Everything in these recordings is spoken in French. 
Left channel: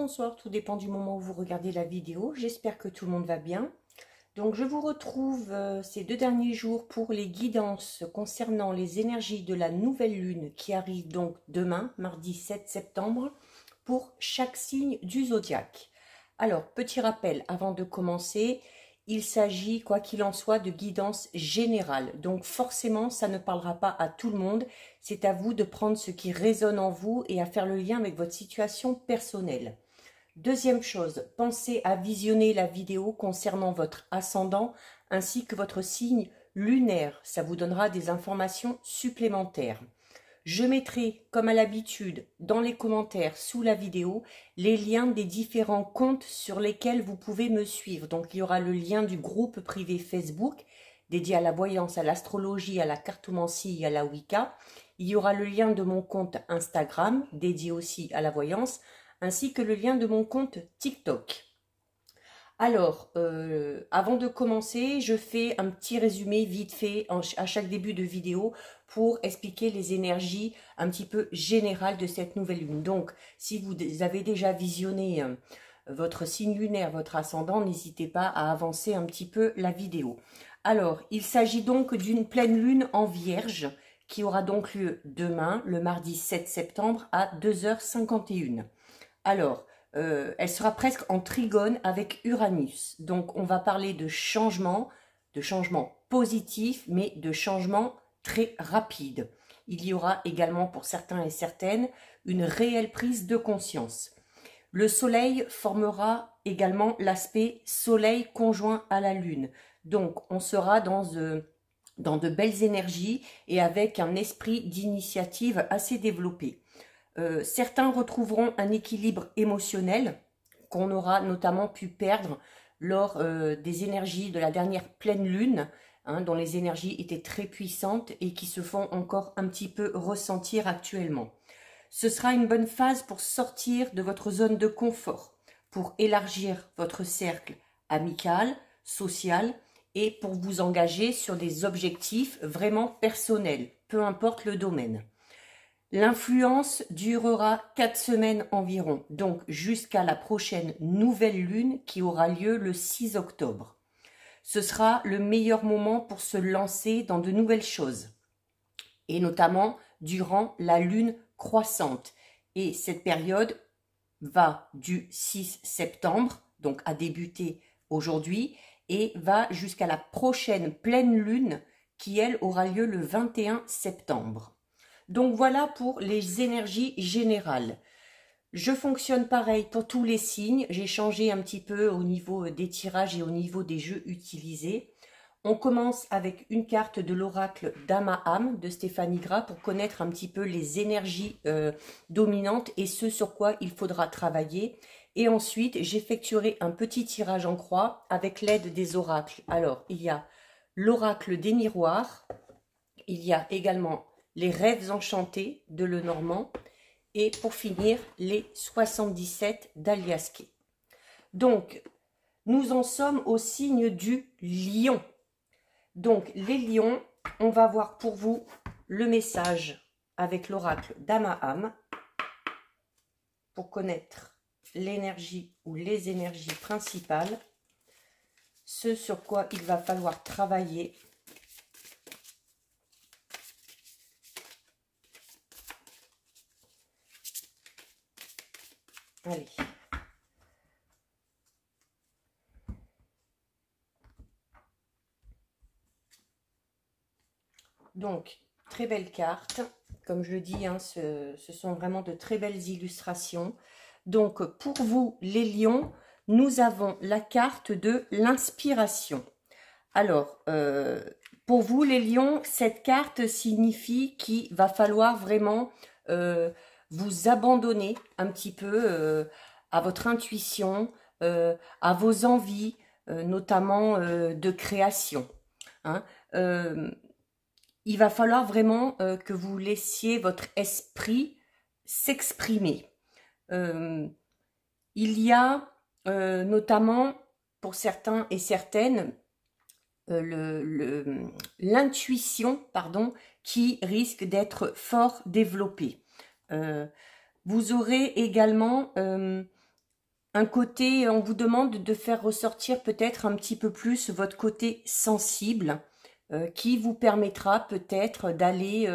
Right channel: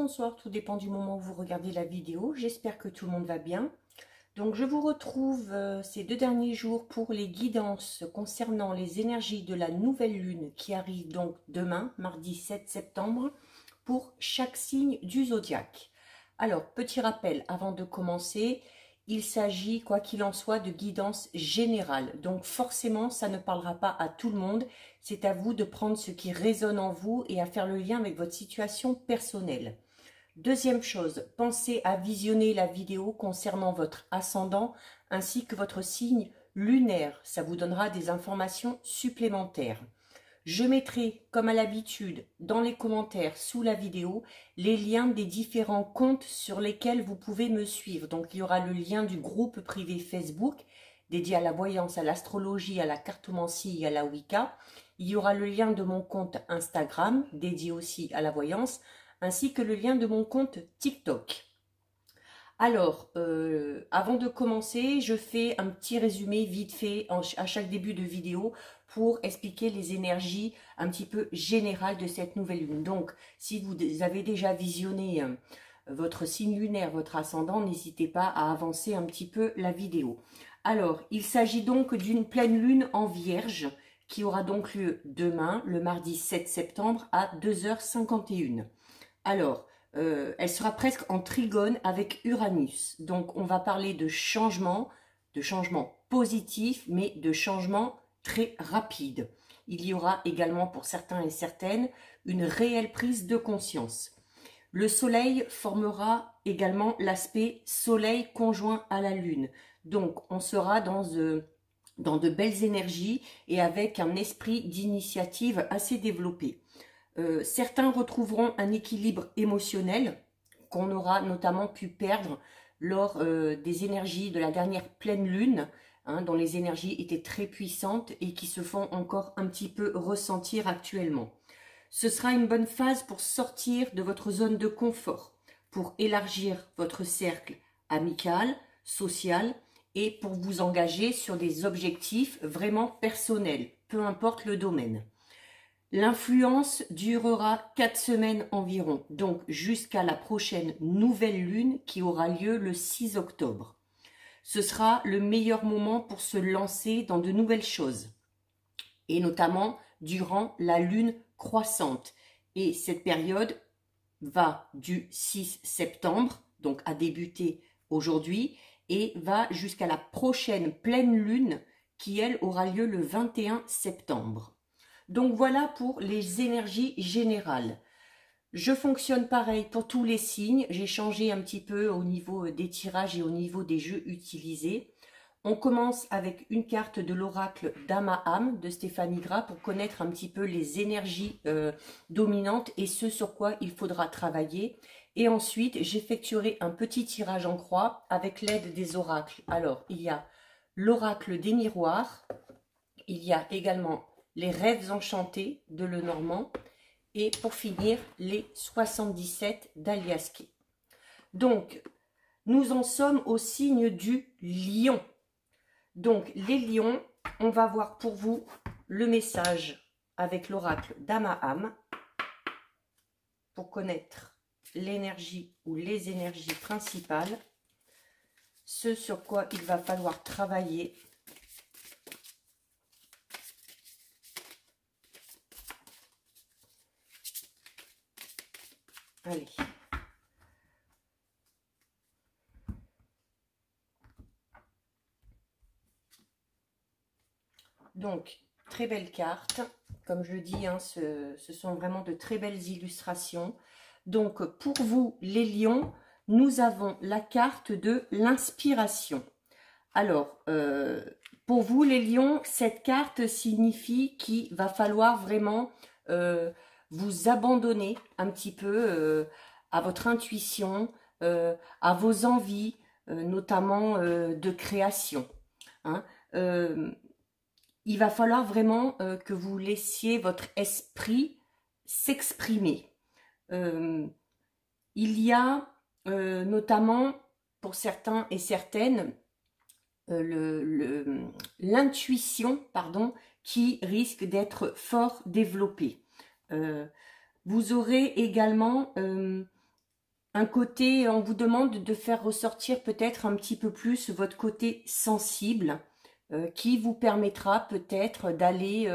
bonsoir, tout dépend du moment où vous regardez la vidéo. J'espère que tout le monde va bien. Donc je vous retrouve ces 2 derniers jours pour les guidances concernant les énergies de la nouvelle lune qui arrive donc demain, mardi 7 septembre, pour chaque signe du zodiaque. Alors, petit rappel avant de commencer, il s'agit, quoi qu'il en soit, de guidance générale. Donc forcément, ça ne parlera pas à tout le monde. C'est à vous de prendre ce qui résonne en vous et à faire le lien avec votre situation personnelle. Deuxième chose, pensez à visionner la vidéo concernant votre ascendant ainsi que votre signe lunaire. Ça vous donnera des informations supplémentaires. Je mettrai, comme à l'habitude, dans les commentaires sous la vidéo, les liens des différents comptes sur lesquels vous pouvez me suivre. Donc, il y aura le lien du groupe privé Facebook dédié à la voyance, à l'astrologie, à la cartomancie et à la Wicca. Il y aura le lien de mon compte Instagram, dédié aussi à la voyance, ainsi que le lien de mon compte TikTok. Alors, avant de commencer, je fais un petit résumé vite fait à chaque début de vidéo pour expliquer les énergies un petit peu générales de cette nouvelle lune. Donc, si vous avez déjà visionné votre signe lunaire, votre ascendant, n'hésitez pas à avancer un petit peu la vidéo. Alors, il s'agit donc d'une pleine lune en Vierge qui aura donc lieu demain, le mardi 7 septembre à 2h51. Alors, elle sera presque en trigone avec Uranus. Donc, on va parler de changements positifs, mais de changements très rapides. Il y aura également pour certains et certaines une réelle prise de conscience. Le soleil formera également l'aspect soleil conjoint à la lune. Donc, on sera dans de belles énergies et avec un esprit d'initiative assez développé. Certains retrouveront un équilibre émotionnel qu'on aura notamment pu perdre lors des énergies de la dernière pleine lune, dont les énergies étaient très puissantes et qui se font encore un petit peu ressentir actuellement. Ce sera une bonne phase pour sortir de votre zone de confort, pour élargir votre cercle amical, social et pour vous engager sur des objectifs vraiment personnels, peu importe le domaine. L'influence durera 4 semaines environ, donc jusqu'à la prochaine nouvelle lune qui aura lieu le 6 octobre. Ce sera le meilleur moment pour se lancer dans de nouvelles choses, et notamment durant la lune croissante. Et cette période va du 6 septembre, donc a débuté aujourd'hui, et va jusqu'à la prochaine pleine lune qui, elle, aura lieu le 21 septembre. Donc voilà pour les énergies générales. Je fonctionne pareil pour tous les signes. J'ai changé un petit peu au niveau des tirages et au niveau des jeux utilisés. On commence avec une carte de l'oracle d'Amaham de Stéphanie Gras pour connaître un petit peu les énergies dominantes et ce sur quoi il faudra travailler. Et ensuite, j'effectuerai un petit tirage en croix avec l'aide des oracles. Alors, il y a l'oracle des miroirs. Il y a également les rêves enchantés de Lenormand et pour finir les 77 d'Aliasqué. Donc nous en sommes au signe du lion. Donc les lions, on va voir pour vous le message avec l'oracle d'Amaham pour connaître l'énergie ou les énergies principales, ce sur quoi il va falloir travailler. Allez. Donc, très belle carte. Comme je le dis, ce sont vraiment de très belles illustrations. Donc, pour vous, les lions, nous avons la carte de l'inspiration. Alors, pour vous, les lions, cette carte signifie qu'il va falloir vraiment vous abandonner un petit peu à votre intuition, à vos envies, notamment de création. Il va falloir vraiment que vous laissiez votre esprit s'exprimer. Il y a notamment, pour certains et certaines, l'intuition, qui risque d'être fort développée. Vous aurez également un côté, on vous demande de faire ressortir peut-être un petit peu plus votre côté sensible, qui vous permettra peut-être d'aller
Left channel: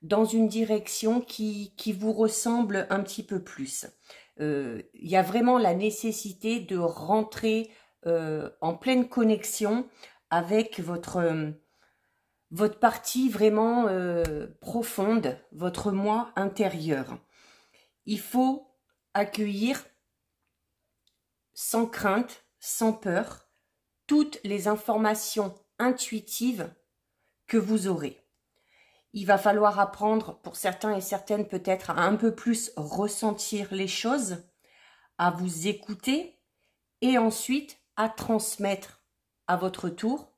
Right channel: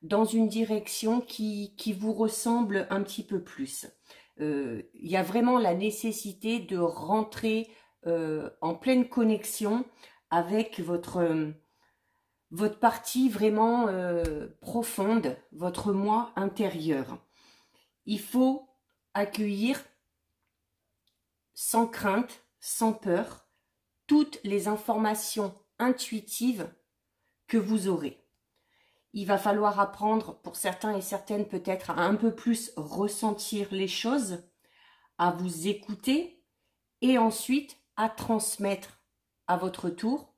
dans une direction qui vous ressemble un petit peu plus. Il y a vraiment la nécessité de rentrer en pleine connexion avec votre partie vraiment profonde, votre moi intérieur. Il faut accueillir sans crainte, sans peur, toutes les informations intuitives que vous aurez. Il va falloir apprendre, pour certains et certaines peut-être, à un peu plus ressentir les choses, à vous écouter et ensuite à transmettre à votre tour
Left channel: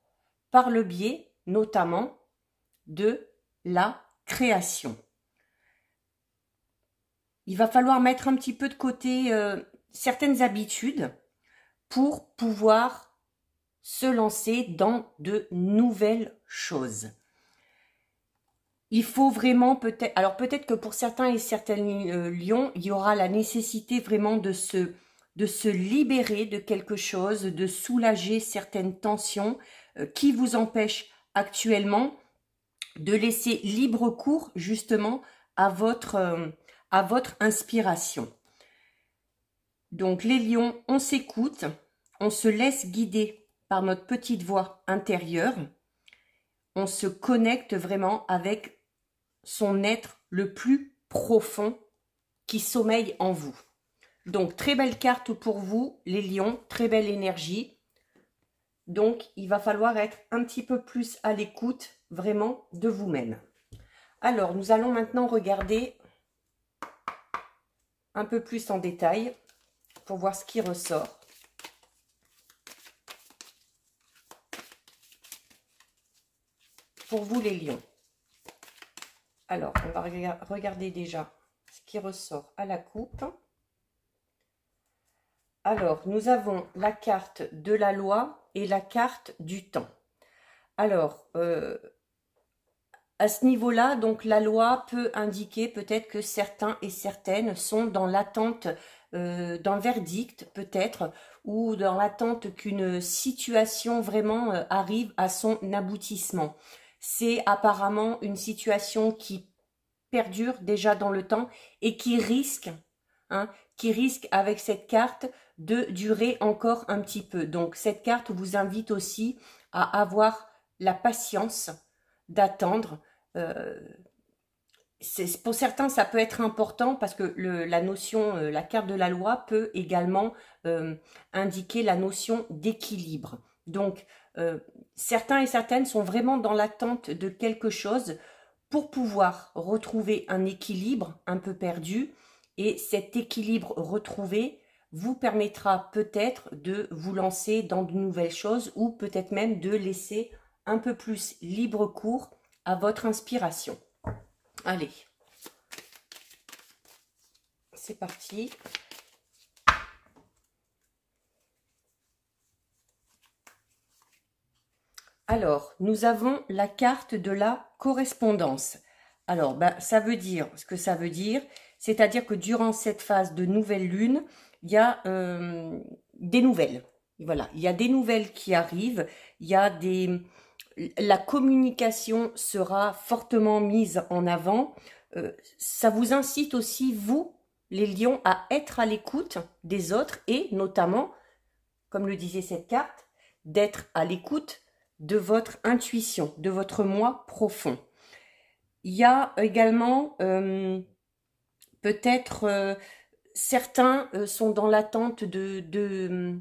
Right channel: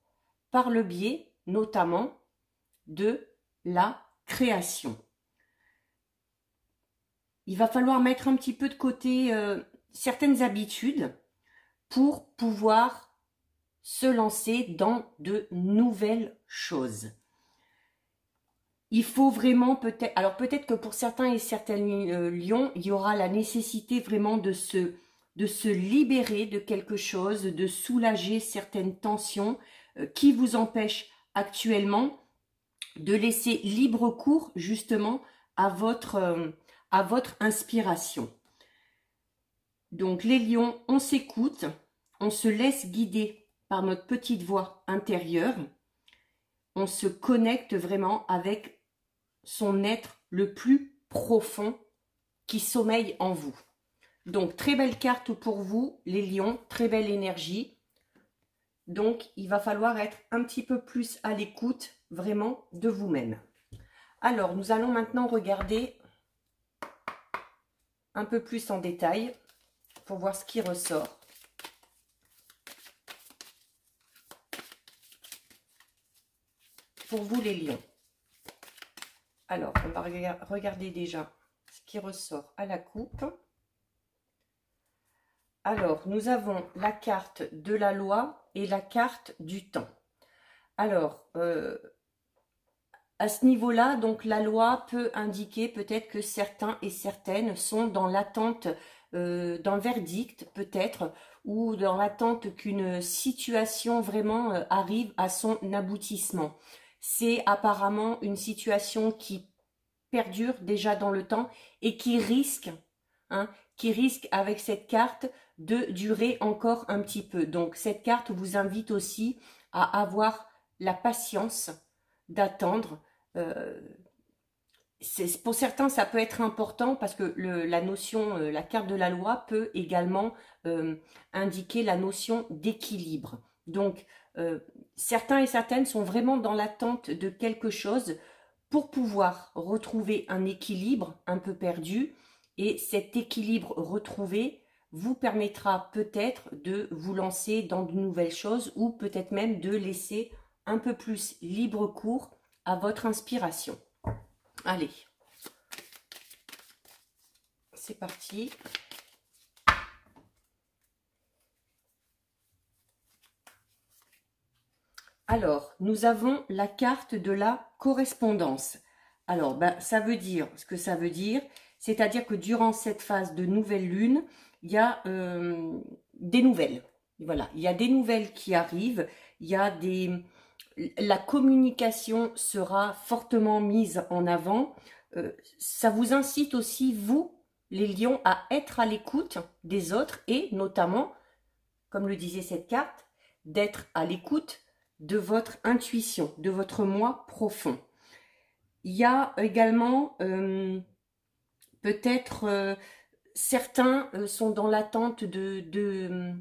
par le biais notamment de la création. Il va falloir mettre un petit peu de côté certaines habitudes pour pouvoir se lancer dans de nouvelles choses. Il faut vraiment peut-être, alors peut-être que pour certains et certaines lions, il y aura la nécessité vraiment de se libérer de quelque chose, de soulager certaines tensions qui vous empêchent actuellement de laisser libre cours justement à votre inspiration. Donc les lions, on s'écoute, on se laisse guider par notre petite voix intérieure, on se connecte vraiment avec son être le plus profond qui sommeille en vous. Donc très belle carte pour vous les lions, très belle énergie. Donc il va falloir être un petit peu plus à l'écoute vraiment de vous-même. Alors nous allons maintenant regarder un peu plus en détail pour voir ce qui ressort. Pour vous les lions. Alors, on va regarder déjà ce qui ressort à la coupe. Alors, nous avons la carte de la loi et la carte du temps. Alors, à ce niveau-là, donc la loi peut indiquer peut-être que certains et certaines sont dans l'attente d'un verdict peut-être, ou dans l'attente qu'une situation vraiment arrive à son aboutissement. C'est apparemment une situation qui perdure déjà dans le temps et qui risque avec cette carte de durer encore un petit peu. Donc cette carte vous invite aussi à avoir la patience d'attendre. Pour certains, ça peut être important parce que la carte de la loi peut également indiquer la notion d'équilibre. Donc, certains et certaines sont vraiment dans l'attente de quelque chose pour pouvoir retrouver un équilibre un peu perdu. Et cet équilibre retrouvé vous permettra peut-être de vous lancer dans de nouvelles choses ou peut-être même de laisser un peu plus libre cours à votre inspiration. Allez, c'est parti. Alors, nous avons la carte de la correspondance. Alors, ça veut dire ce que ça veut dire, c'est-à-dire que durant cette phase de nouvelle lune, il y a des nouvelles. Voilà, il y a des nouvelles qui arrivent, la communication sera fortement mise en avant. Ça vous incite aussi, vous, les lions, à être à l'écoute des autres et notamment, comme le disait cette carte, d'être à l'écoute de votre intuition, de votre moi profond. Il y a également peut-être certains sont dans l'attente de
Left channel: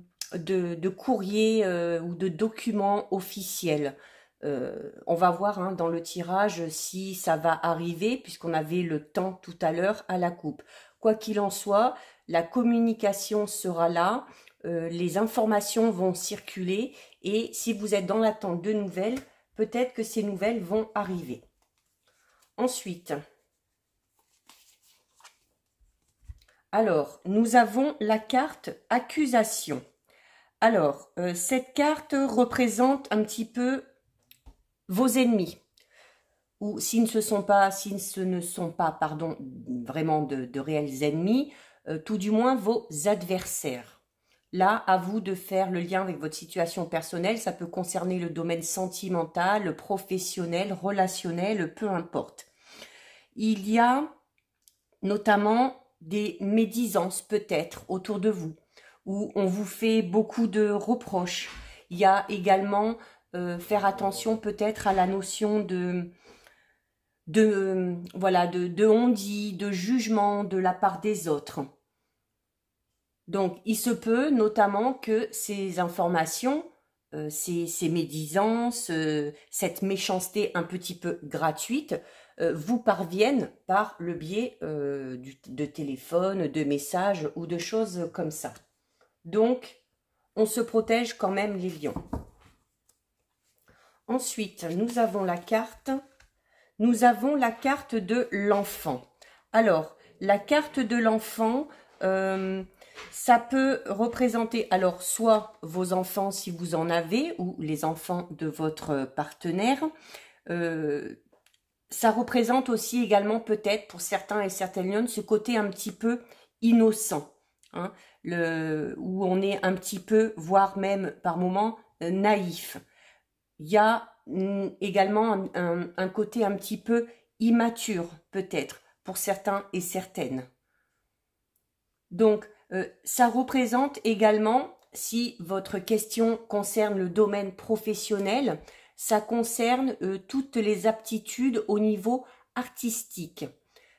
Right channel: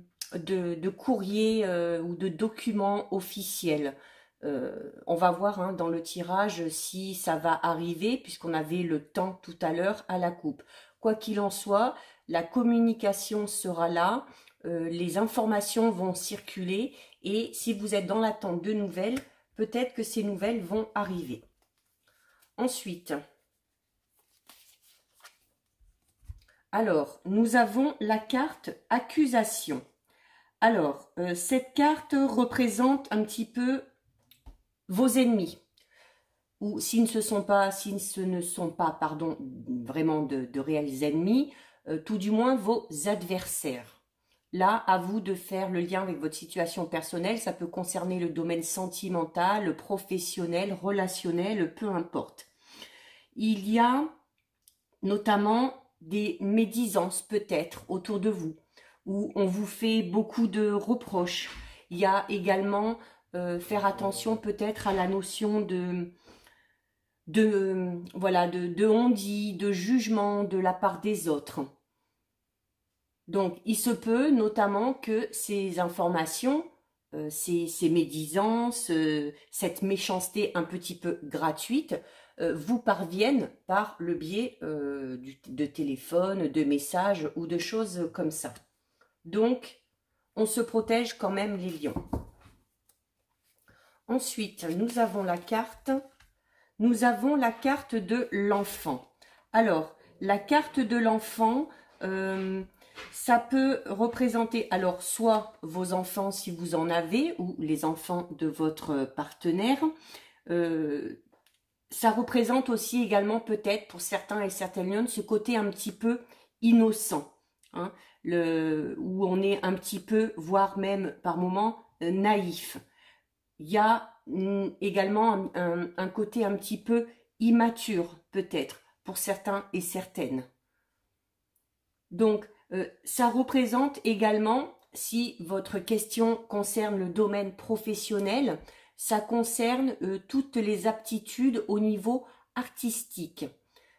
courriers ou de documents officiels. On va voir dans le tirage si ça va arriver puisqu'on avait le temps tout à l'heure à la coupe. Quoi qu'il en soit, la communication sera là, les informations vont circuler et si vous êtes dans l'attente de nouvelles, peut-être que ces nouvelles vont arriver. Ensuite, alors, nous avons la carte accusation. Alors, cette carte représente un petit peu vos ennemis. Ou si ce ne sont pas vraiment de réels ennemis, tout du moins vos adversaires. Là, à vous de faire le lien avec votre situation personnelle. Ça peut concerner le domaine sentimental, professionnel, relationnel, peu importe. Il y a notamment des médisances peut-être autour de vous, où on vous fait beaucoup de reproches. Il y a également faire attention peut-être à la notion de on-dit, de jugement de la part des autres. Donc, il se peut notamment que ces informations, ces médisances, cette méchanceté un petit peu gratuite, vous parviennent par le biais de téléphone, de messages ou de choses comme ça. Donc, on se protège quand même les lions. Ensuite, nous avons la carte de l'enfant. Alors, la carte de l'enfant, ça peut représenter alors soit vos enfants si vous en avez, ou les enfants de votre partenaire. Ça représente aussi également peut-être pour certains et certaines lionnes ce côté un petit peu innocent, hein, où on est un petit peu, voire même par moments, naïf. Il y a également un côté un petit peu immature peut-être pour certains et certaines. Donc, ça représente également, si votre question concerne le domaine professionnel, ça concerne toutes les aptitudes au niveau artistique.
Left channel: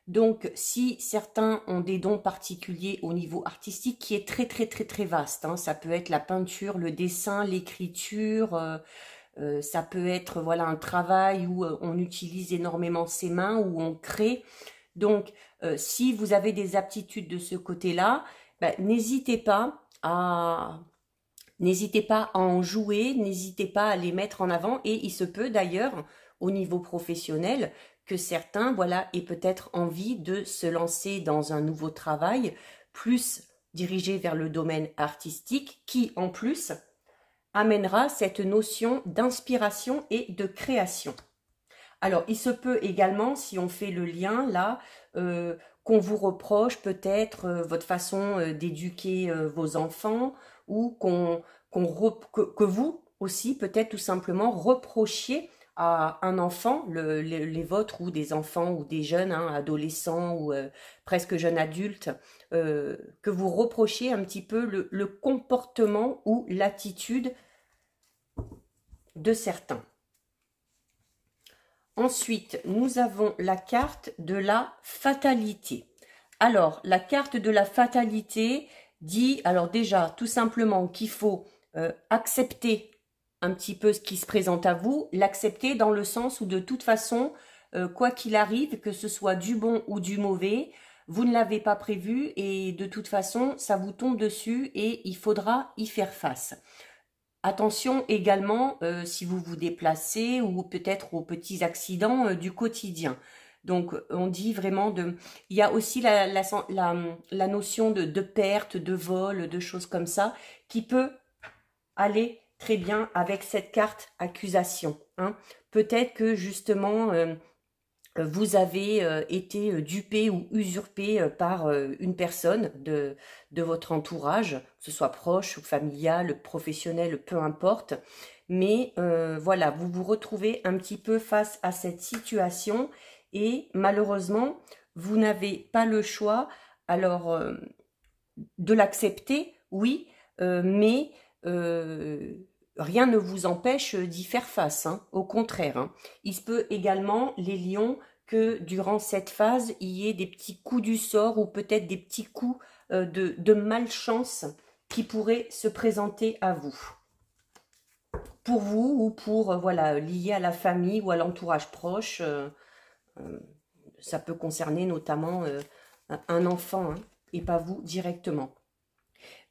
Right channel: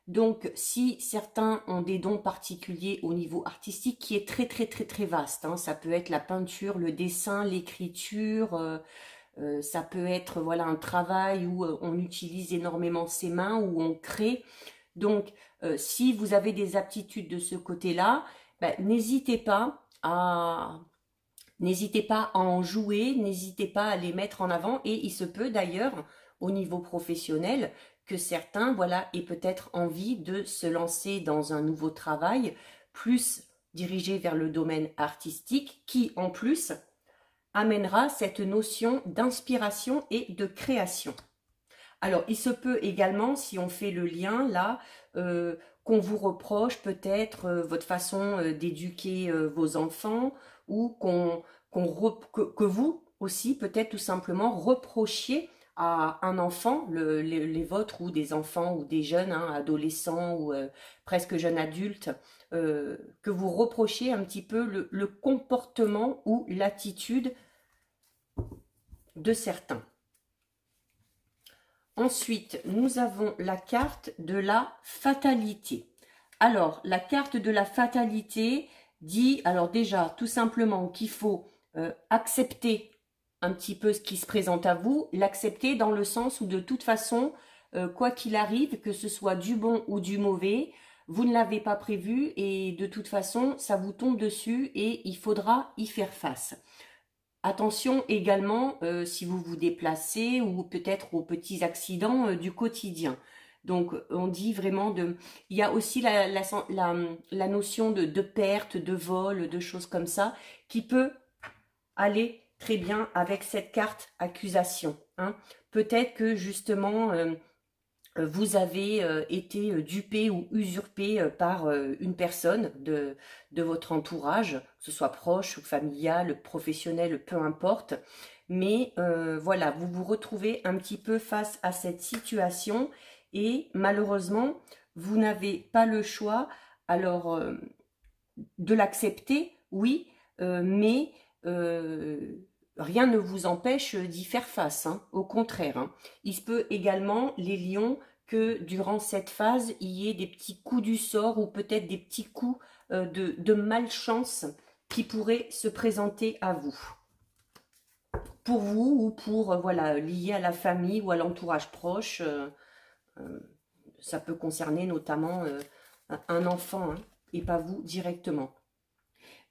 Donc, si certains ont des dons particuliers au niveau artistique, qui est très très très très vaste, hein, ça peut être la peinture, le dessin, l'écriture, ça peut être voilà un travail où on utilise énormément ses mains, où on crée. Donc, si vous avez des aptitudes de ce côté-là, ben, n'hésitez pas à en jouer, n'hésitez pas à les mettre en avant. Et il se peut d'ailleurs, au niveau professionnel, que certains voilà, aient peut-être envie de se lancer dans un nouveau travail, plus dirigé vers le domaine artistique, qui en plus amènera cette notion d'inspiration et de création. Alors, il se peut également, si on fait le lien là, qu'on vous reproche peut-être votre façon d'éduquer vos enfants, ou que vous aussi, peut-être tout simplement, reprochiez à un enfant, les vôtres, ou des enfants, ou des jeunes, hein, adolescents, ou presque jeunes adultes, que vous reprochiez un petit peu le comportement ou l'attitude de certains. Ensuite, nous avons la carte de la fatalité. Alors, la carte de la fatalité dit, alors déjà, tout simplement qu'il faut accepter un petit peu ce qui se présente à vous, l'accepter dans le sens où de toute façon, quoi qu'il arrive, que ce soit du bon ou du mauvais, vous ne l'avez pas prévu et de toute façon, ça vous tombe dessus et il faudra y faire face. Attention également si vous vous déplacez ou peut-être aux petits accidents du quotidien. Donc on dit vraiment il y a aussi la notion de perte, de vol, de choses comme ça qui peut aller très bien avec cette carte accusation, hein. Peut-être que justement vous avez été dupé ou usurpé par une personne de votre entourage, que ce soit proche ou familial, professionnel, peu importe. Mais voilà, vous vous retrouvez un petit peu face à cette situation et malheureusement, vous n'avez pas le choix alors de l'accepter, oui, mais rien ne vous empêche d'y faire face, hein, au contraire, hein. Il se peut également, les lions, que durant cette phase, il y ait des petits coups du sort ou peut-être des petits coups de malchance qui pourraient se présenter à vous. Pour vous ou pour, voilà, lié à la famille ou à l'entourage proche. Ça peut concerner notamment un enfant, hein, et pas vous directement.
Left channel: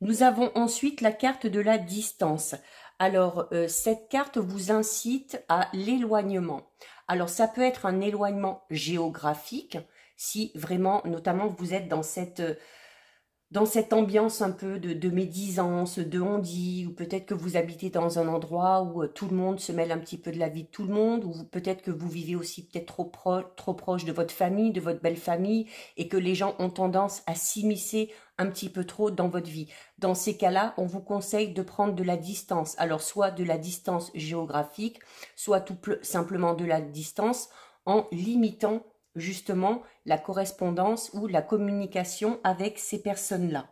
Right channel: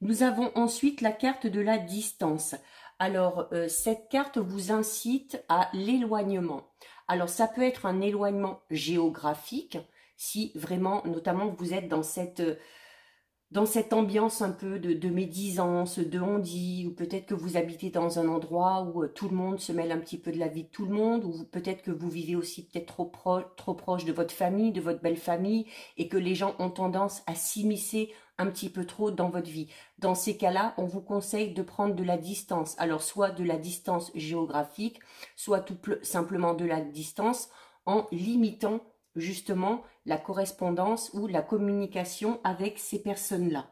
Nous avons ensuite la carte de la distance. Alors, cette carte vous incite à l'éloignement. Alors, ça peut être un éloignement géographique, si vraiment, notamment, vous êtes dans cette dans cette ambiance un peu de médisance, de on-dit, ou peut-être que vous habitez dans un endroit où tout le monde se mêle un petit peu de la vie de tout le monde, ou peut-être que vous vivez aussi peut-être trop proche de votre famille, de votre belle famille, et que les gens ont tendance à s'immiscer un petit peu trop dans votre vie. Dans ces cas-là, on vous conseille de prendre de la distance. Alors, soit de la distance géographique, soit tout simplement de la distance en limitant justement la correspondance ou la communication avec ces personnes-là.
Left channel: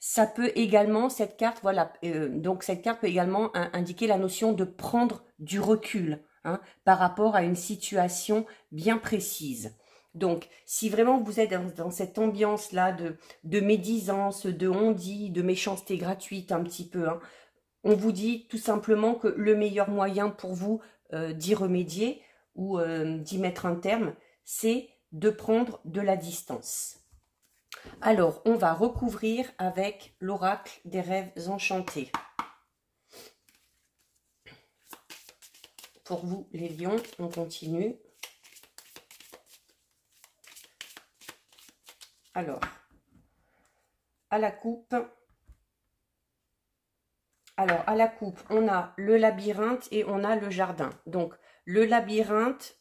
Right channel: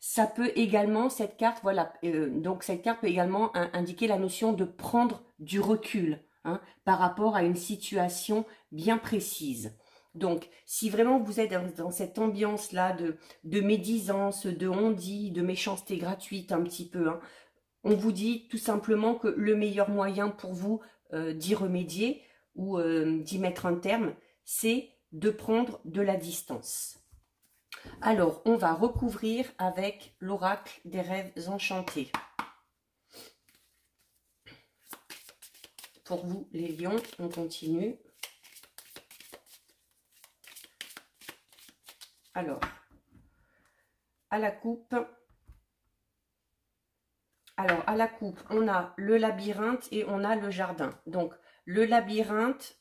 Ça peut également, cette carte, voilà, donc cette carte peut également indiquer la notion de prendre du recul hein, par rapport à une situation bien précise. Donc, si vraiment vous êtes dans cette ambiance-là de médisance, de on-dit, de méchanceté gratuite un petit peu, hein, on vous dit tout simplement que le meilleur moyen pour vous d'y remédier ou d'y mettre un terme, c'est de prendre de la distance. Alors, on va recouvrir avec l'oracle des rêves enchantés. Pour vous, les lions, on continue. Alors, à la coupe... Alors, à la coupe, on a le labyrinthe et on a le jardin. Donc, le labyrinthe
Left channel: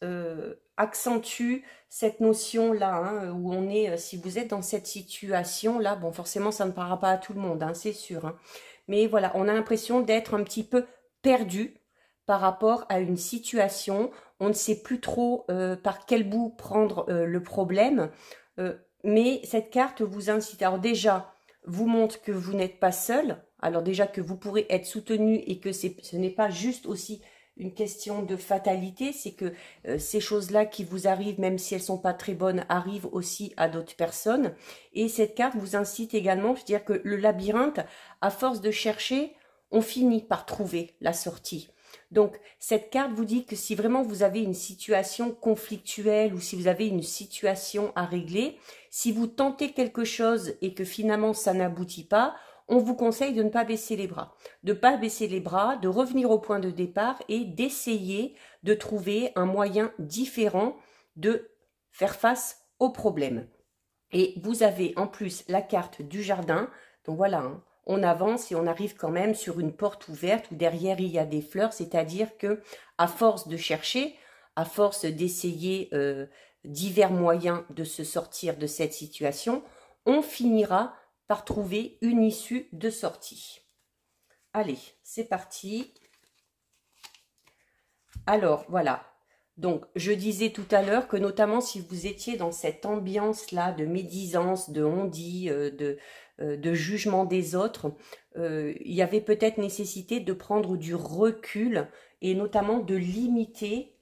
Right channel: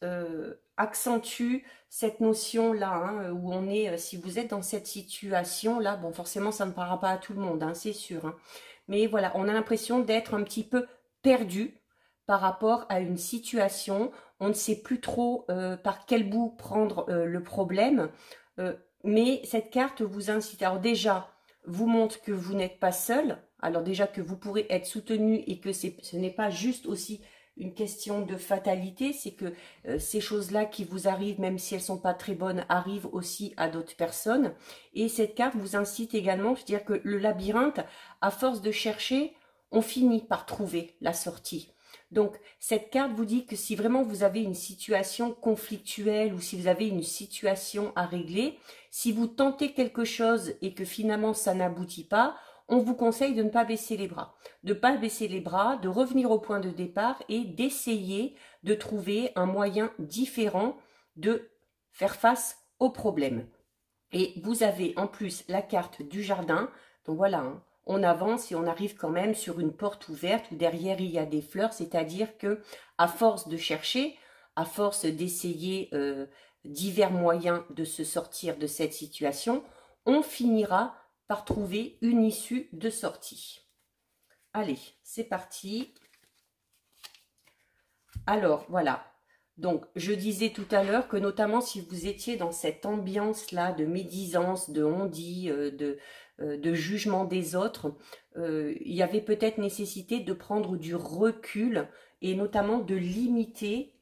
accentue cette notion-là, hein, où on est, si vous êtes dans cette situation-là, bon, forcément, ça ne parlera pas à tout le monde, hein, c'est sûr. Hein. Mais voilà, on a l'impression d'être un petit peu perdu par rapport à une situation. On ne sait plus trop par quel bout prendre le problème. Mais cette carte vous incite. Alors déjà, vous montre que vous n'êtes pas seul. Alors déjà que vous pourrez être soutenu et que ce n'est pas juste aussi une question de fatalité, c'est que ces choses-là qui vous arrivent, même si elles ne sont pas très bonnes, arrivent aussi à d'autres personnes. Et cette carte vous incite également, c'est-à-dire que le labyrinthe, à force de chercher, on finit par trouver la sortie. Donc, cette carte vous dit que si vraiment vous avez une situation conflictuelle ou si vous avez une situation à régler, si vous tentez quelque chose et que finalement ça n'aboutit pas, on vous conseille de ne pas baisser les bras. De ne pas baisser les bras, de revenir au point de départ et d'essayer de trouver un moyen différent de faire face au problème. Et vous avez en plus la carte du jardin. Donc voilà, hein, on avance et on arrive quand même sur une porte ouverte où derrière il y a des fleurs. C'est-à-dire que à force de chercher, à force d'essayer divers moyens de se sortir de cette situation, on finira par trouver une issue de sortie. Allez, c'est parti. Alors, voilà. Donc, je disais tout à l'heure que notamment si vous étiez dans cette ambiance-là de médisance, de on-dit, de jugement des autres, il y avait peut-être nécessité de prendre du recul et notamment de limiter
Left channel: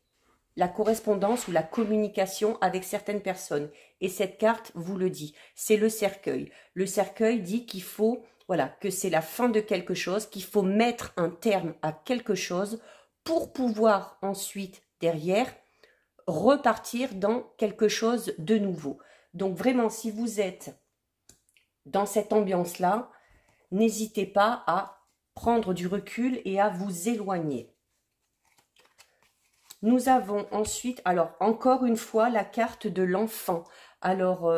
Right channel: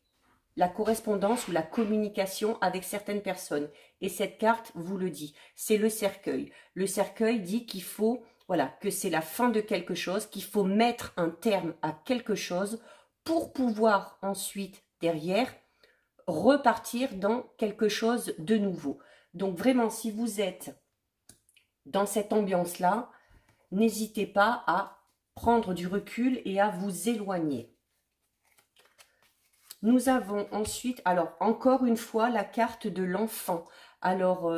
la correspondance ou la communication avec certaines personnes. Et cette carte vous le dit, c'est le cercueil. Le cercueil dit qu'il faut, voilà, que c'est la fin de quelque chose, qu'il faut mettre un terme à quelque chose pour pouvoir ensuite, derrière, repartir dans quelque chose de nouveau. Donc vraiment, si vous êtes dans cette ambiance-là, n'hésitez pas à prendre du recul et à vous éloigner. Nous avons ensuite, alors encore une fois, la carte de l'enfant. Alors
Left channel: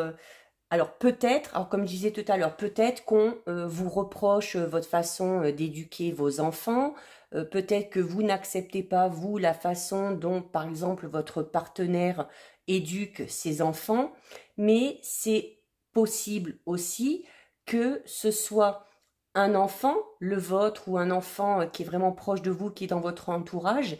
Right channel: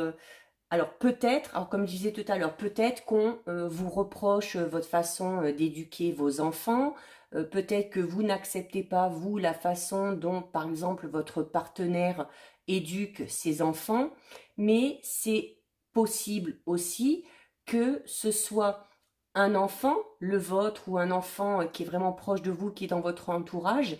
peut-être, comme je disais tout à l'heure, peut-être qu'on vous reproche votre façon d'éduquer vos enfants. Peut-être que vous n'acceptez pas, vous, la façon dont, par exemple, votre partenaire éduque ses enfants. Mais c'est possible aussi que ce soit un enfant, le vôtre, ou un enfant qui est vraiment proche de vous, qui est dans votre entourage,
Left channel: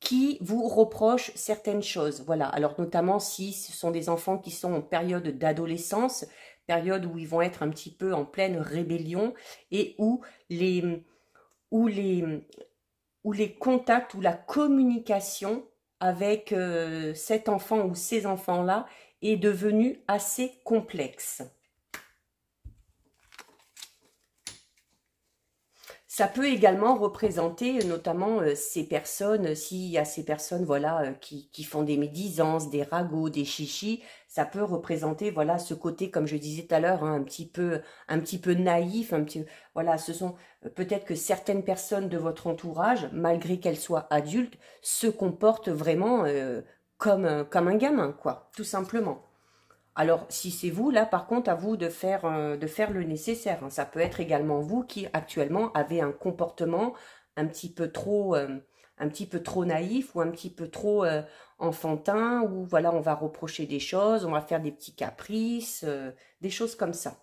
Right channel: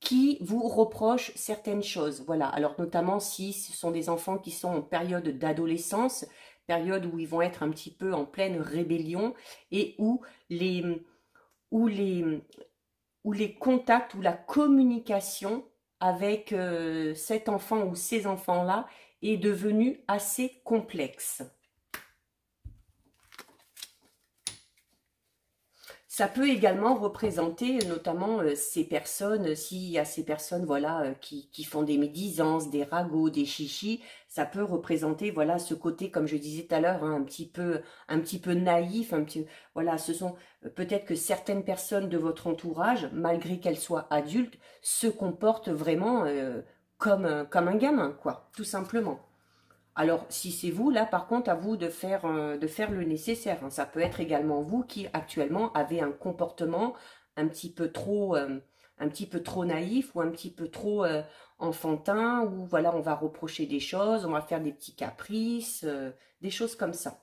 qui vous reproche certaines choses. Voilà, alors notamment si ce sont des enfants qui sont en période d'adolescence, période où ils vont être un petit peu en pleine rébellion et où les contacts ou la communication avec cet enfant ou ces enfants-là est devenue assez complexe. Ça peut également représenter notamment ces personnes, s'il y a ces personnes voilà, qui font des médisances, des ragots, des chichis, ça peut représenter voilà, ce côté, comme je disais tout à l'heure, hein, un petit peu naïf. Voilà, ce sont peut-être que certaines personnes de votre entourage, malgré qu'elles soient adultes, se comportent vraiment comme un gamin, quoi, tout simplement. Alors, si c'est vous, là, par contre, à vous de faire le nécessaire, hein. Ça peut être également vous qui, actuellement, avez un comportement un petit peu trop, un petit peu trop naïf ou un petit peu trop enfantin, où, voilà, on va reprocher des choses, on va faire des petits caprices, des choses comme ça.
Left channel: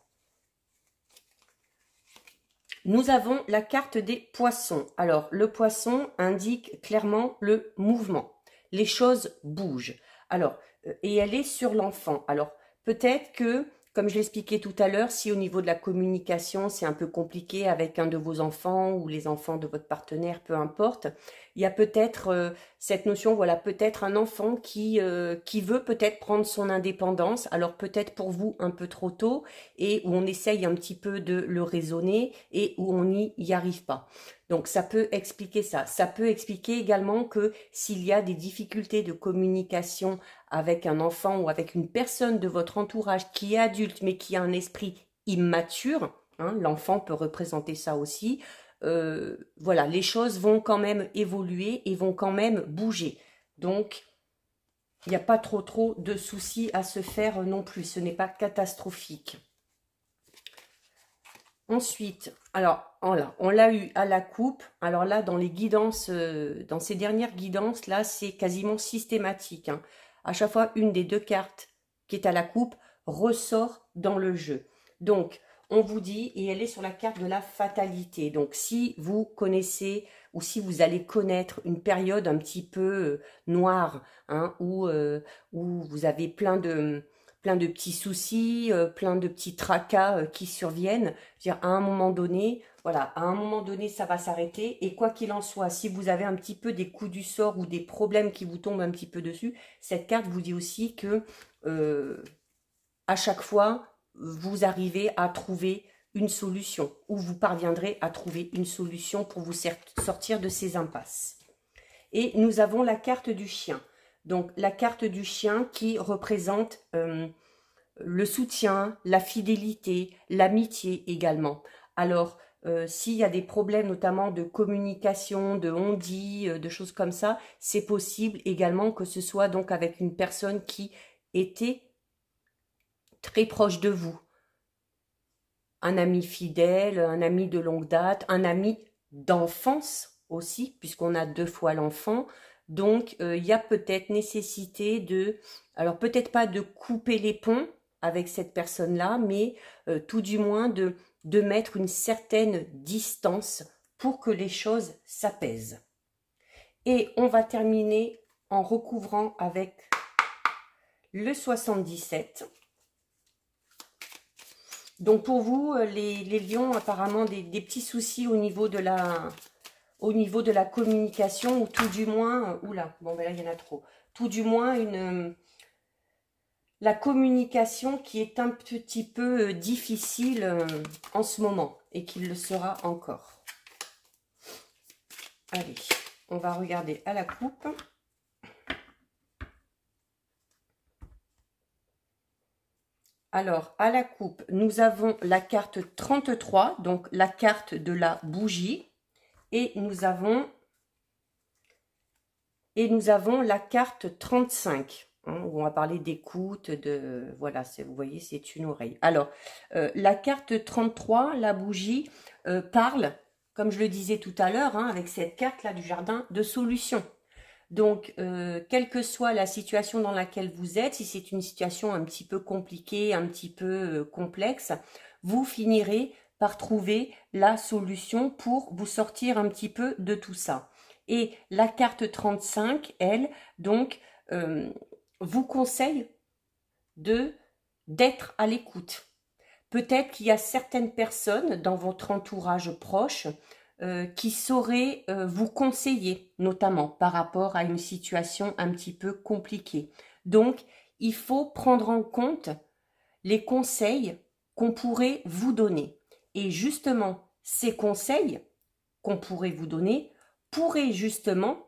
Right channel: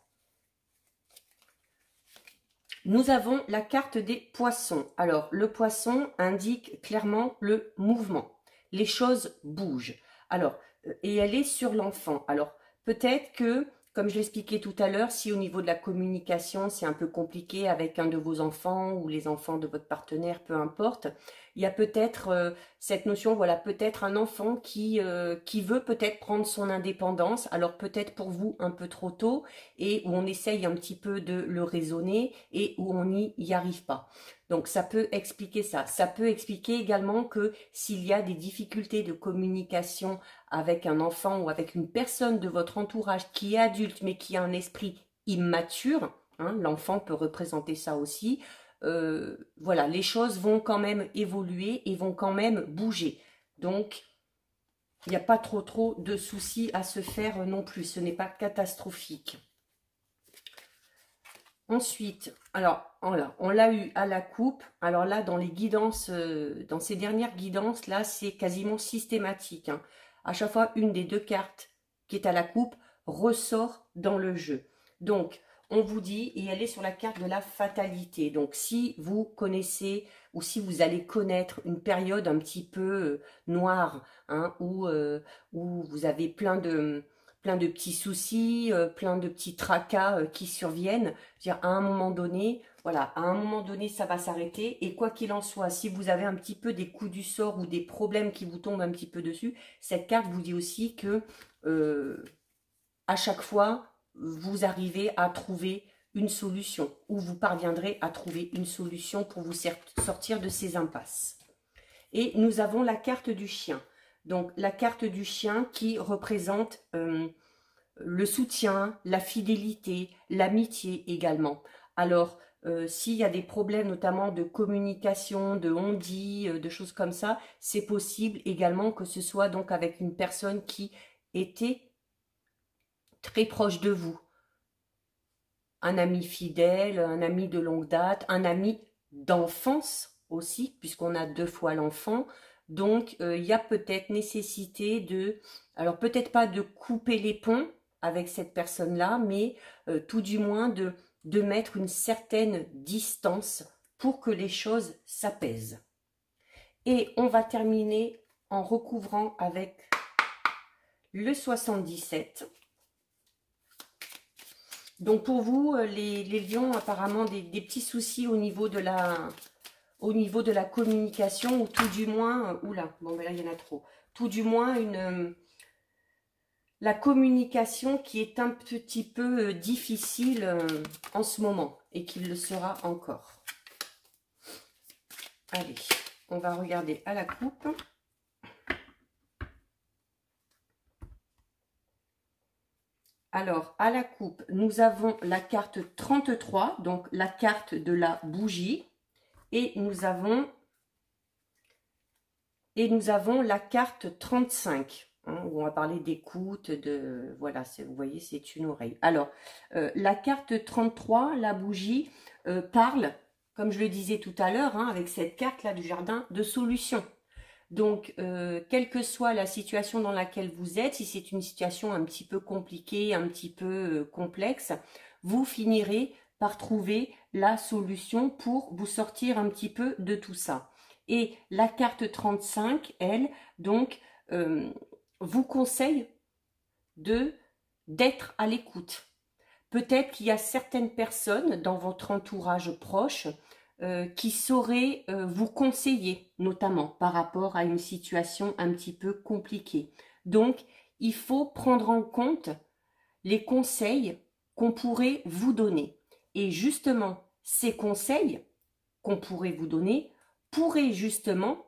Nous avons la carte des poissons. Alors, le poisson indique clairement le mouvement. Les choses bougent. Alors, et elle est sur l'enfant. Alors, peut-être que, comme je l'expliquais tout à l'heure, si au niveau de la communication, c'est un peu compliqué avec un de vos enfants ou les enfants de votre partenaire, peu importe, il y a peut-être cette notion, voilà, peut-être un enfant qui veut peut-être prendre son indépendance. Alors, peut-être pour vous un peu trop tôt, et où on essaye un petit peu de le raisonner et où on n'y arrive pas. Donc ça peut expliquer ça. Ça peut expliquer également que s'il y a des difficultés de communication avec un enfant ou avec une personne de votre entourage qui est adulte mais qui a un esprit immature, hein, l'enfant peut représenter ça aussi, voilà, les choses vont quand même évoluer et vont quand même bouger. Donc, il n'y a pas trop de soucis à se faire non plus. Ce n'est pas catastrophique. Ensuite, alors, on l'a eu à la coupe. Alors là, dans les guidances, dans ces dernières guidances, là, c'est quasiment systématique, hein. À chaque fois, une des deux cartes qui est à la coupe ressort dans le jeu. Donc, on vous dit, et elle est sur la carte de la fatalité. Donc, si vous connaissez ou si vous allez connaître une période un petit peu noire, hein, où vous avez plein de petits soucis, plein de petits tracas qui surviennent. Je veux dire, à un moment donné, voilà, à un moment donné, ça va s'arrêter. Et quoi qu'il en soit, si vous avez un petit peu des coups du sort ou des problèmes qui vous tombent un petit peu dessus, cette carte vous dit aussi que à chaque fois, vous arrivez à trouver une solution ou vous parviendrez à trouver une solution pour vous sortir de ces impasses. Et nous avons la carte du chien. Donc, la carte du chien qui représente le soutien, la fidélité, l'amitié également. Alors, s'il y a des problèmes notamment de communication, de on-dit, de choses comme ça, c'est possible également que ce soit donc avec une personne qui était très proche de vous. Un ami fidèle, un ami de longue date, un ami d'enfance aussi, puisqu'on a deux fois l'enfant. Donc, il y a peut-être nécessité de, alors peut-être pas de couper les ponts avec cette personne-là, mais tout du moins de mettre une certaine distance pour que les choses s'apaisent. Et on va terminer en recouvrant avec le 77. Donc pour vous, les lions, apparemment des petits soucis au niveau de la communication, ou tout du moins, oula, bon ben là il y en a trop, tout du moins la communication qui est un petit peu difficile en ce moment et qui le sera encore. Allez, on va regarder à la coupe. Alors, à la coupe, nous avons la carte 33, donc la carte de la bougie. Et nous avons la carte 35, hein, où on va parler d'écoute, voilà, vous voyez, c'est une oreille. Alors, la carte 33, la bougie, parle, comme je le disais tout à l'heure, hein, avec cette carte-là du jardin, de solution. Donc, quelle que soit la situation dans laquelle vous êtes, si c'est une situation un petit peu compliquée, un petit peu complexe, vous finirez par trouver la solution pour vous sortir un petit peu de tout ça. Et la carte 35, elle, donc, vous conseille d'être à l'écoute. Peut-être qu'il y a certaines personnes dans votre entourage proche qui sauraient vous conseiller, notamment par rapport à une situation un petit peu compliquée. Donc, il faut prendre en compte les conseils qu'on pourrait vous donner. Et justement, ces conseils qu'on pourrait vous donner pourraient justement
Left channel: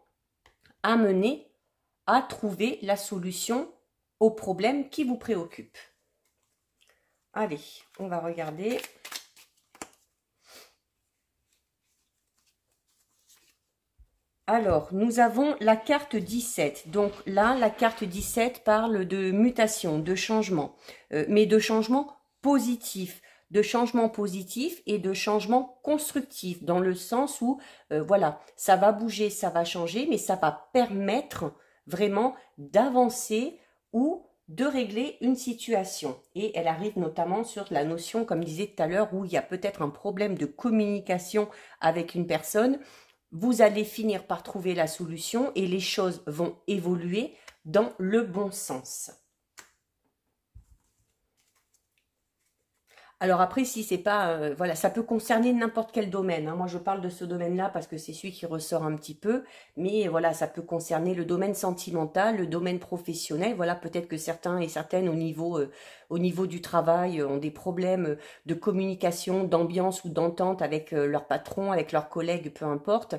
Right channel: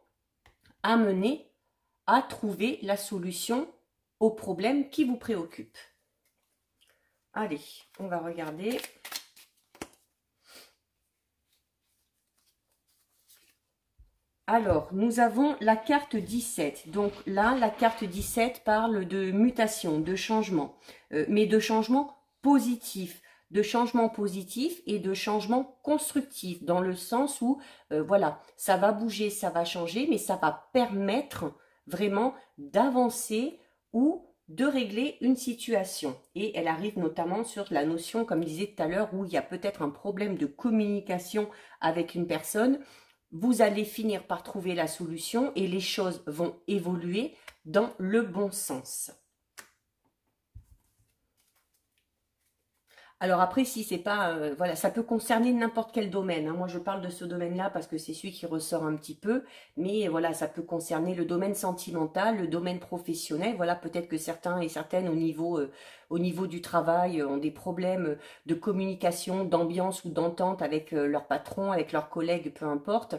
amener à trouver la solution aux problèmes qui vous préoccupent. Allez, on va regarder. Alors, nous avons la carte 17. Donc là, la carte 17 parle de mutation, de changement, mais de changement positif. De changement positif et de changement constructif, dans le sens où, voilà, ça va bouger, ça va changer, mais ça va permettre vraiment d'avancer ou de régler une situation. Et elle arrive notamment sur la notion, comme je disais tout à l'heure, où il y a peut-être un problème de communication avec une personne. Vous allez finir par trouver la solution et les choses vont évoluer dans le bon sens. Alors après, si c'est pas, voilà, ça peut concerner n'importe quel domaine, hein. Moi, je parle de ce domaine-là parce que c'est celui qui ressort un petit peu. Mais voilà, ça peut concerner le domaine sentimental, le domaine professionnel. Voilà, peut-être que certains et certaines au niveau du travail ont des problèmes de communication, d'ambiance ou d'entente avec leur patron, avec leurs collègues, peu importe.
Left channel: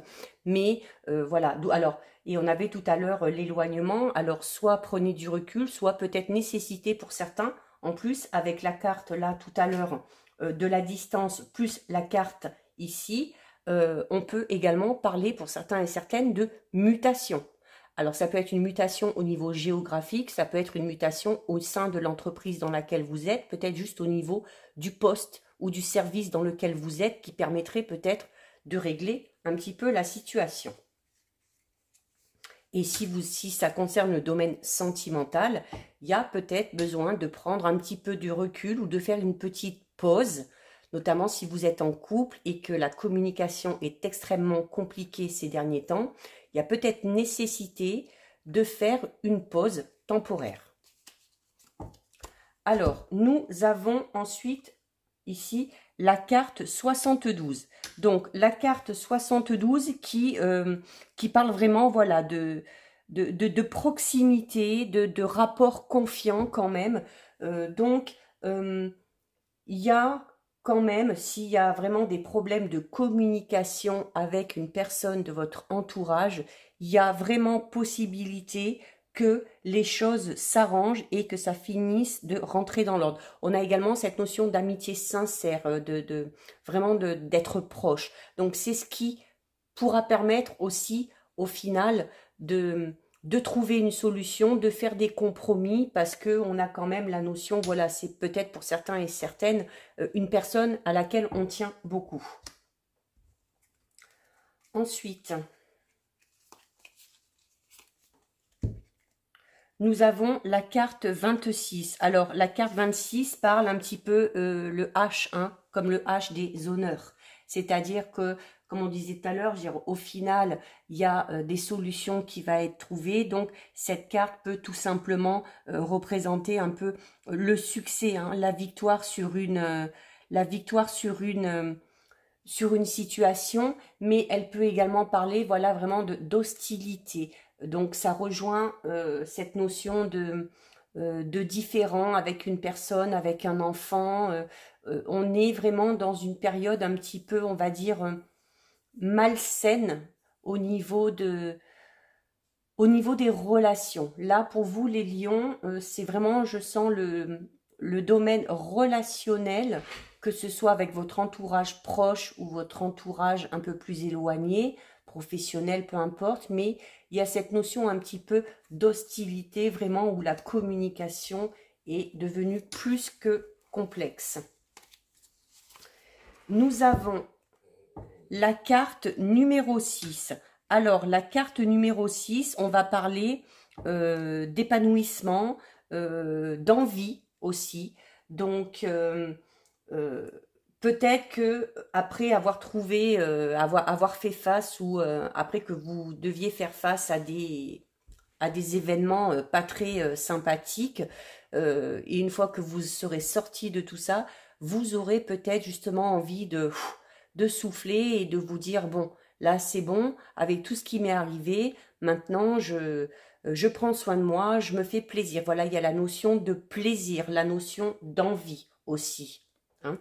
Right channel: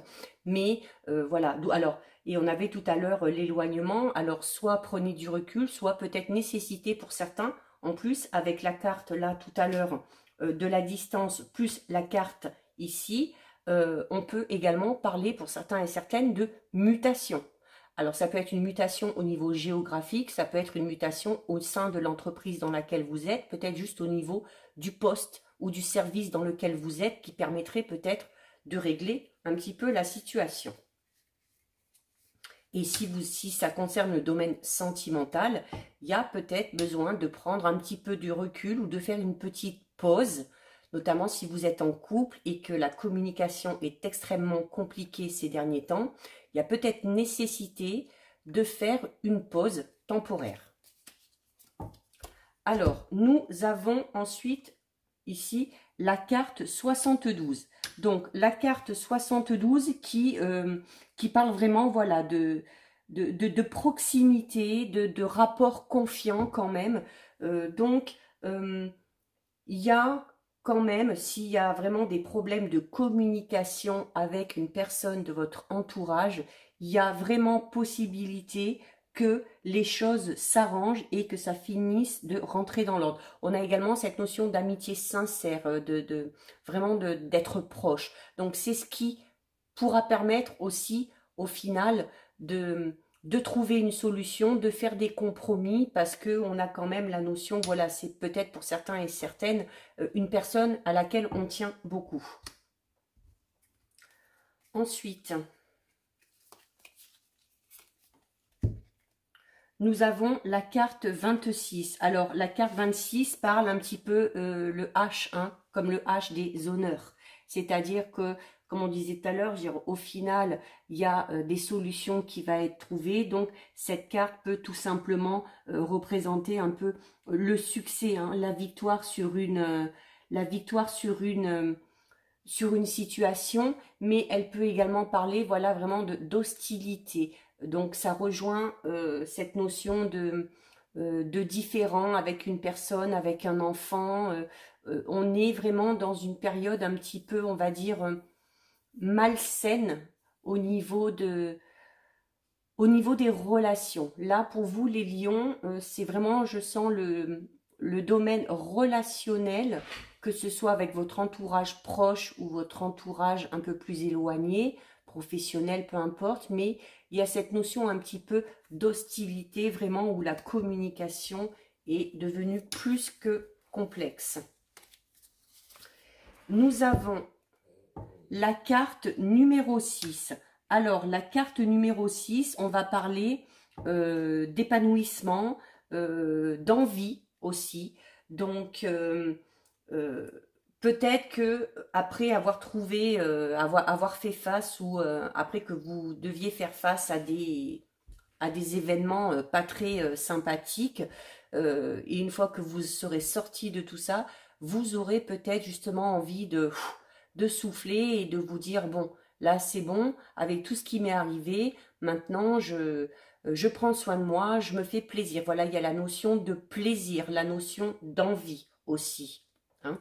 Mais voilà, alors... Et on avait tout à l'heure l'éloignement. Alors, soit prenez du recul, soit peut-être nécessité pour certains. En plus, avec la carte là tout à l'heure de la distance plus la carte ici, on peut également parler pour certains et certaines de mutation. Alors ça peut être une mutation au niveau géographique, ça peut être une mutation au sein de l'entreprise dans laquelle vous êtes, peut-être juste au niveau du poste ou du service dans lequel vous êtes qui permettrait peut-être de régler un petit peu la situation. Et si ça concerne le domaine sentimental, il y a peut-être besoin de prendre un petit peu du recul ou de faire une petite pause, notamment si vous êtes en couple et que la communication est extrêmement compliquée ces derniers temps. Il y a peut-être nécessité de faire une pause temporaire. Alors, nous avons ensuite ici la carte 72. Donc, la carte 72 qui parle vraiment, voilà, de proximité, de rapport confiant quand même. Il y a quand même, s'il y a vraiment des problèmes de communication avec une personne de votre entourage, il y a vraiment possibilité que les choses s'arrangent et que ça finisse de rentrer dans l'ordre. On a également cette notion d'amitié sincère, vraiment d'être proche. Donc c'est ce qui pourra permettre aussi au final de trouver une solution, de faire des compromis, parce qu'on a quand même la notion, voilà, c'est peut-être pour certains et certaines une personne à laquelle on tient beaucoup. Ensuite, nous avons la carte 26. Alors, la carte 26 parle un petit peu le H, hein, comme le H des honneurs. C'est-à-dire que, comme on disait tout à l'heure, au final, il y a des solutions qui vont être trouvées. Donc, cette carte peut tout simplement représenter un peu le succès, hein, la victoire sur une situation, mais elle peut également parler, voilà, vraiment d'hostilité. Donc ça rejoint cette notion de différent avec une personne, avec un enfant. On est vraiment dans une période un petit peu, on va dire, malsaine au niveau des relations. Là, pour vous, les lions, c'est vraiment, je sens le domaine relationnel, que ce soit avec votre entourage proche ou votre entourage un peu plus éloigné, professionnel, peu importe, mais il y a cette notion un petit peu d'hostilité, vraiment, où la communication est devenue plus que complexe. Nous avons la carte numéro 6. Alors, la carte numéro 6, on va parler d'épanouissement, d'envie aussi. Donc, peut-être que après avoir trouvé, avoir fait face ou après que vous deviez faire face à des événements pas très sympathiques, et une fois que vous serez sorti de tout ça, vous aurez peut-être justement envie de souffler et de vous dire, bon, là c'est bon, avec tout ce qui m'est arrivé, maintenant je prends soin de moi, je me fais plaisir. Voilà, il y a la notion de plaisir, la notion d'envie aussi, hein.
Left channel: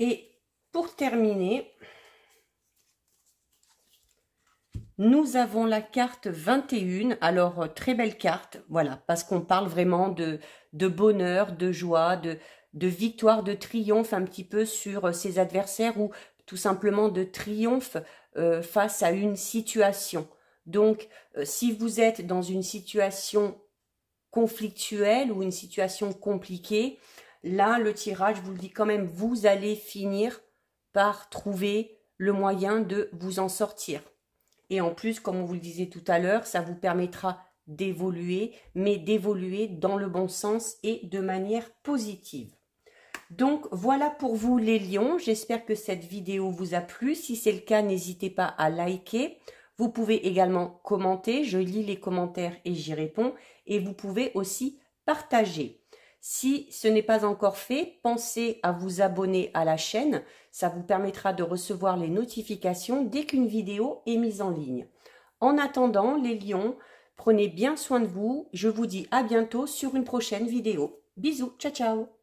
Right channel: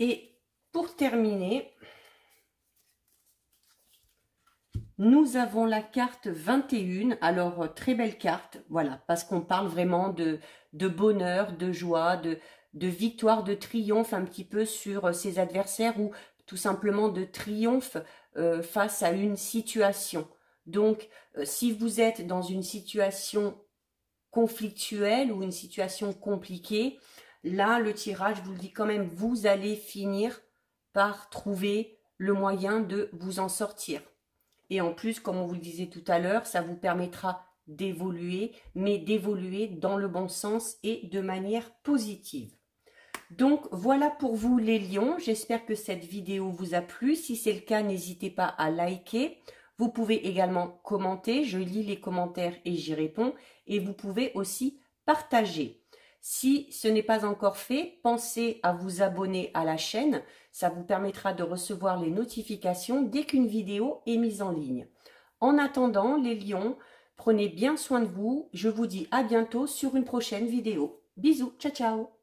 Et pour terminer, nous avons la carte 21. Alors, très belle carte, voilà, parce qu'on parle vraiment de bonheur, de joie, de victoire, de triomphe un petit peu sur ses adversaires, ou tout simplement de triomphe face à une situation. Donc, si vous êtes dans une situation conflictuelle ou une situation compliquée, là, le tirage vous le dit quand même, vous allez finir par trouver le moyen de vous en sortir. Et en plus, comme on vous le disait tout à l'heure, ça vous permettra d'évoluer, mais d'évoluer dans le bon sens et de manière positive. Donc voilà pour vous les lions, j'espère que cette vidéo vous a plu. Si c'est le cas, n'hésitez pas à liker. Vous pouvez également commenter, je lis les commentaires et j'y réponds. Et vous pouvez aussi partager. Si ce n'est pas encore fait, pensez à vous abonner à la chaîne. Ça vous permettra de recevoir les notifications dès qu'une vidéo est mise en ligne. En attendant, les lions, prenez bien soin de vous. Je vous dis à bientôt sur une prochaine vidéo. Bisous, ciao ciao.